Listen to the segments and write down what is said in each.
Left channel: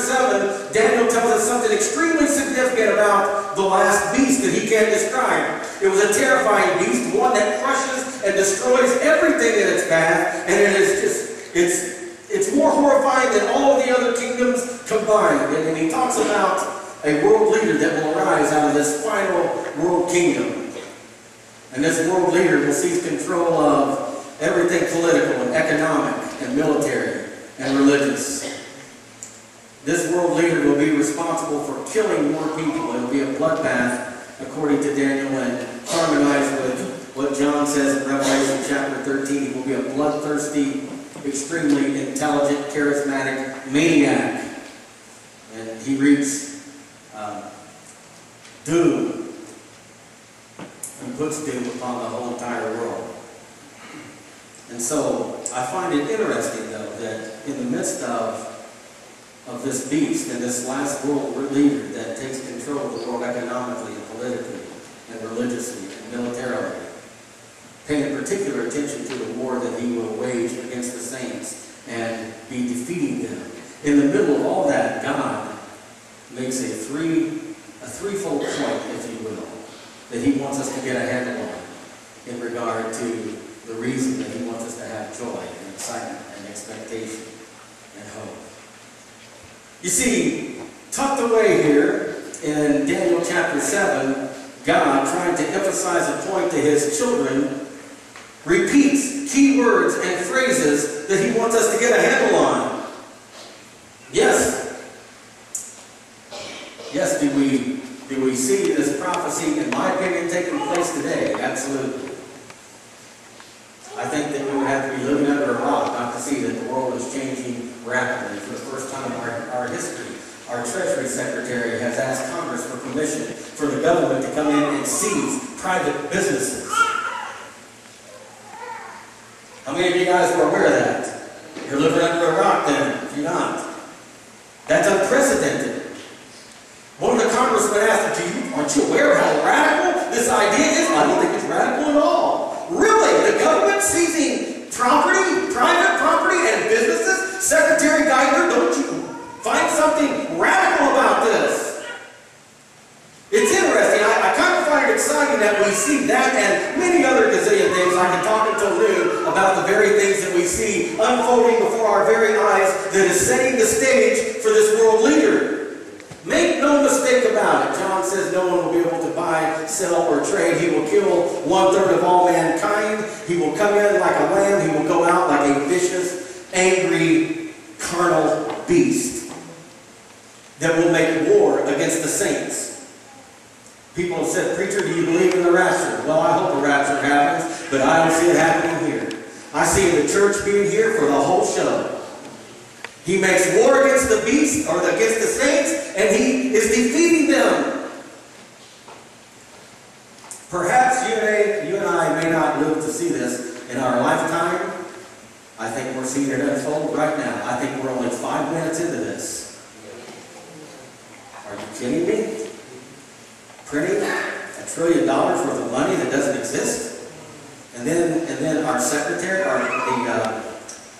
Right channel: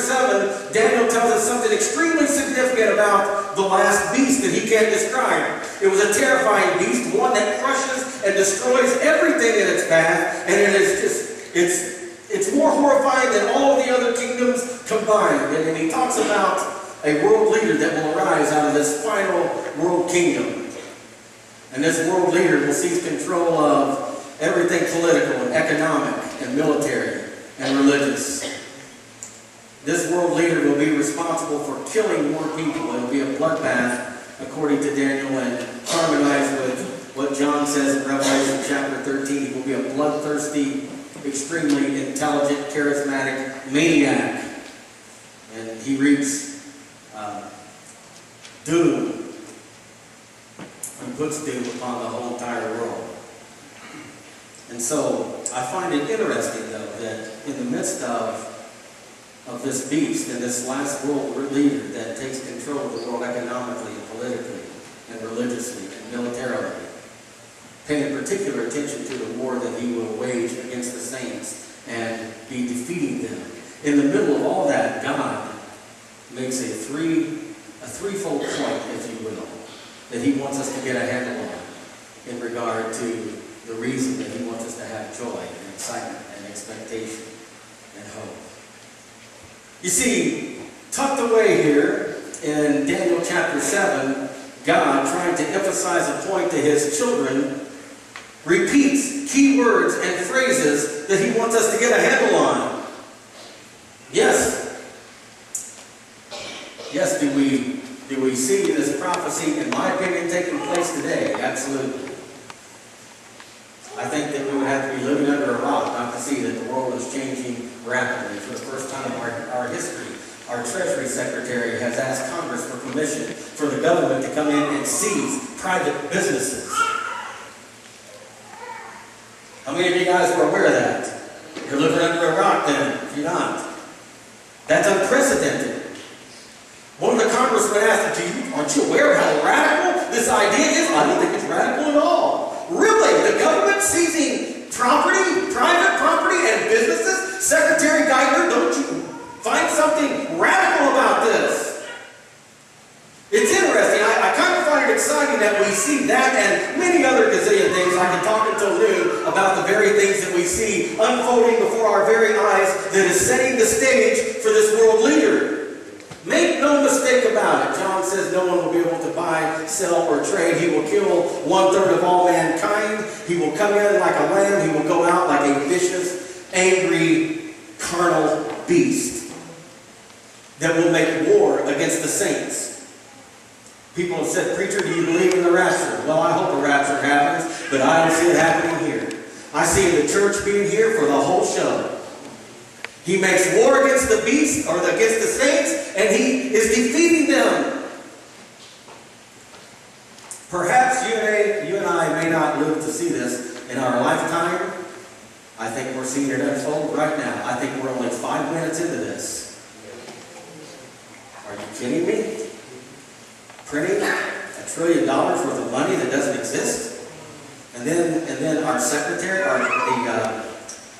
7, Daniel tells us something extremely significant about the last beast that he can't describe. It was a terrifying beast, one that crushes and destroys everything in its path, and it is just, it's more horrifying than all of the other kingdoms combined. And he talks about a world leader that will arise out of this final world kingdom. And this world leader will seize control of everything political and economic and military and religious. This world leader will be responsible for killing more people. It will be a bloodbath, according to Daniel, and harmonized with what John says in Revelation chapter 13. He will be a bloodthirsty, extremely intelligent, charismatic maniac. And he reaps doom and puts doom upon the whole entire world. And so I find it interesting, though, that in the midst of this beast and this last world leader that takes control of the world economically and politically and religiously and militarily, paying particular attention to the war that he will wage against the saints and be defeating them. In the middle of all that, God makes a threefold point, if you will, that he wants us to get a handle on in regard to the reason that he wants us to have joy and excitement and expectation and hope. You see, tucked away here in Daniel chapter 7, God, trying to emphasize a point to his children, repeats key words and phrases that he wants us to get a handle on. Yes. Yes, do we see this prophecy, in my opinion, taking place today? Absolutely. I think that we would have to be living under a rock not to see that the world is changing rapidly. For the first time in our history, our Treasury Secretary has asked Congress for permission for the government to come in and seize private businesses. How many of you guys were aware of that? You're living under a rock then, if you're not. That's unprecedented. One of the congressmen asked, aren't you aware of how radical this idea is? I don't think it's radical at all. Really? The government seizing property, private property, and businesses? Secretary Geithner, don't you find something radical about this? It's interesting. I kind of find it exciting that we see that and many other gazillion things. I can talk until noon about the very things that we see unfolding before our very eyes that is setting the stage for this world leader. Make no mistake about it. John says no one will be able to buy, sell, or trade. He will kill 1/3 of all mankind. He will come in like a lamb. He will go out like a vicious, angry, carnal beast that will make war against the saints. People have said, preacher, do you believe in the rapture? Well, I hope the rapture happens, but I don't see it happening here. I see the church being here for the whole show. He makes war against the beast, or against the saints, and he is defeating them. Perhaps you and I may not live to see this in our lifetime. I think we're seeing it unfold right now. I think we're only 5 minutes into this. Are you kidding me? Printing $1 trillion worth of money that doesn't exist? And then our secretary,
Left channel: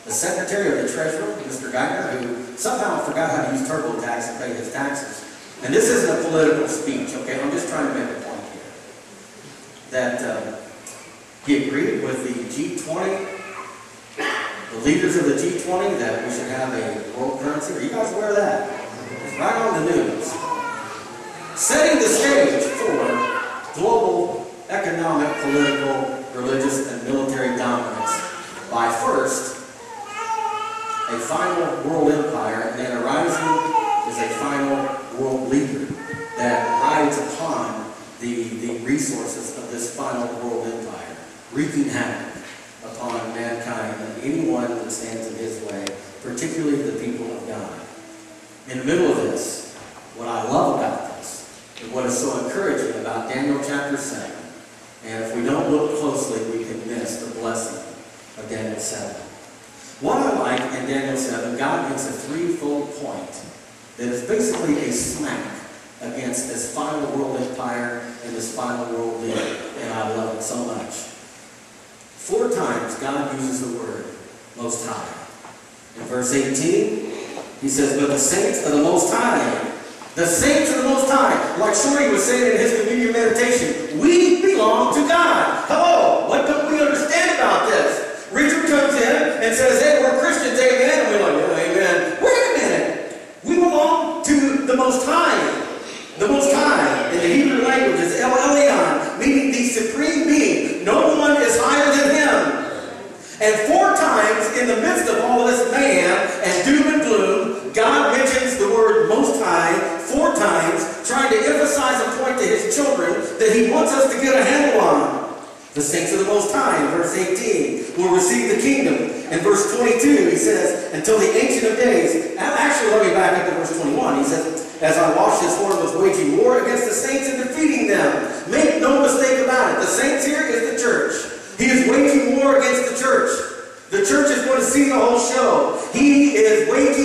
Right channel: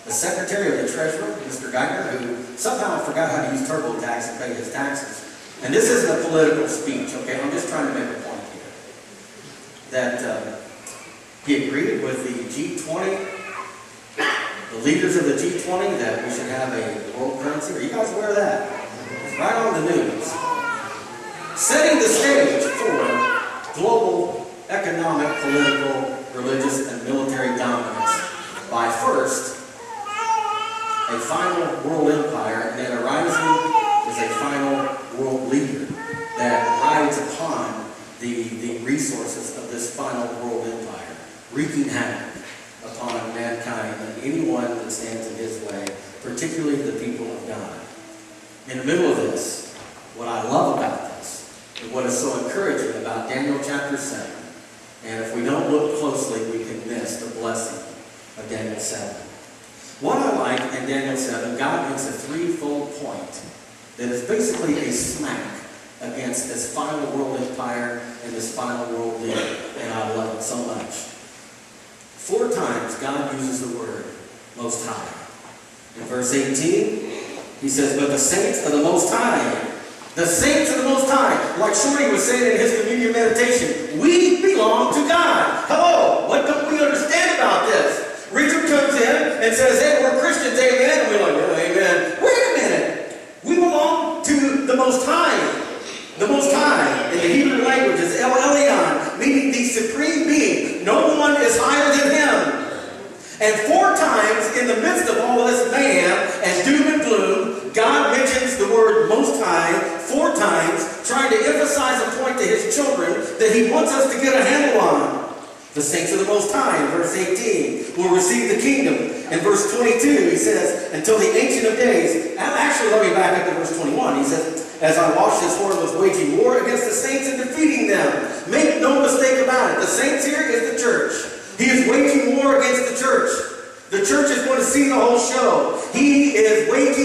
the Secretary of the Treasury, Mr. Geithner, who somehow forgot how to use TurboTax and pay his taxes. And this isn't a political speech, okay? I'm just trying to make a point here. That he agreed with the G20, the leaders of the G20, that we should have a world currency. Are you guys aware of that? It's right on the news. Setting the stage for global economic, political, religious, and military dominance by first a final world empire, and then arising is a final world leader that rides upon the resources of this final world empire, wreaking havoc upon mankind and anyone that stands in his way, particularly the people of God. In the middle of this, what I love about this, and what is so encouraging about Daniel chapter 7, and if we don't look closely, we can miss the blessing of Daniel 7. What I like in Daniel 7, God makes a threefold point that is basically a smack against this final world empire and this final world leader, and I love it so much. 4 times God uses the word Most High. In verse 18, He says, but the saints of the Most High. The saints of the Most High. Like Shorty was saying in his communion meditation, we belong to God. Hello, what don't we understand about this? Richard comes in and says, hey, we're Christians, amen. And we're like, oh, amen. Wait a minute. We belong to the Most High. The Most High, in the Hebrew language, is El Elyon, meaning the supreme being. No one is higher than him. And 4 times in the midst of all this mayhem and doom and gloom, God mentions the word Most High 4 times, trying to emphasize and point to his children that he wants us to get a handle on. The saints of the Most High, in verse 18, will receive the kingdom. In verse 22, he says, until the Ancient of Days. Actually, let me back up to verse 21. He says, as I watched his horn was waging war against the saints and defeating them. Make no mistake about it. The saints here is the church. He is waging war against the church. The church is going to see the whole show. He is waging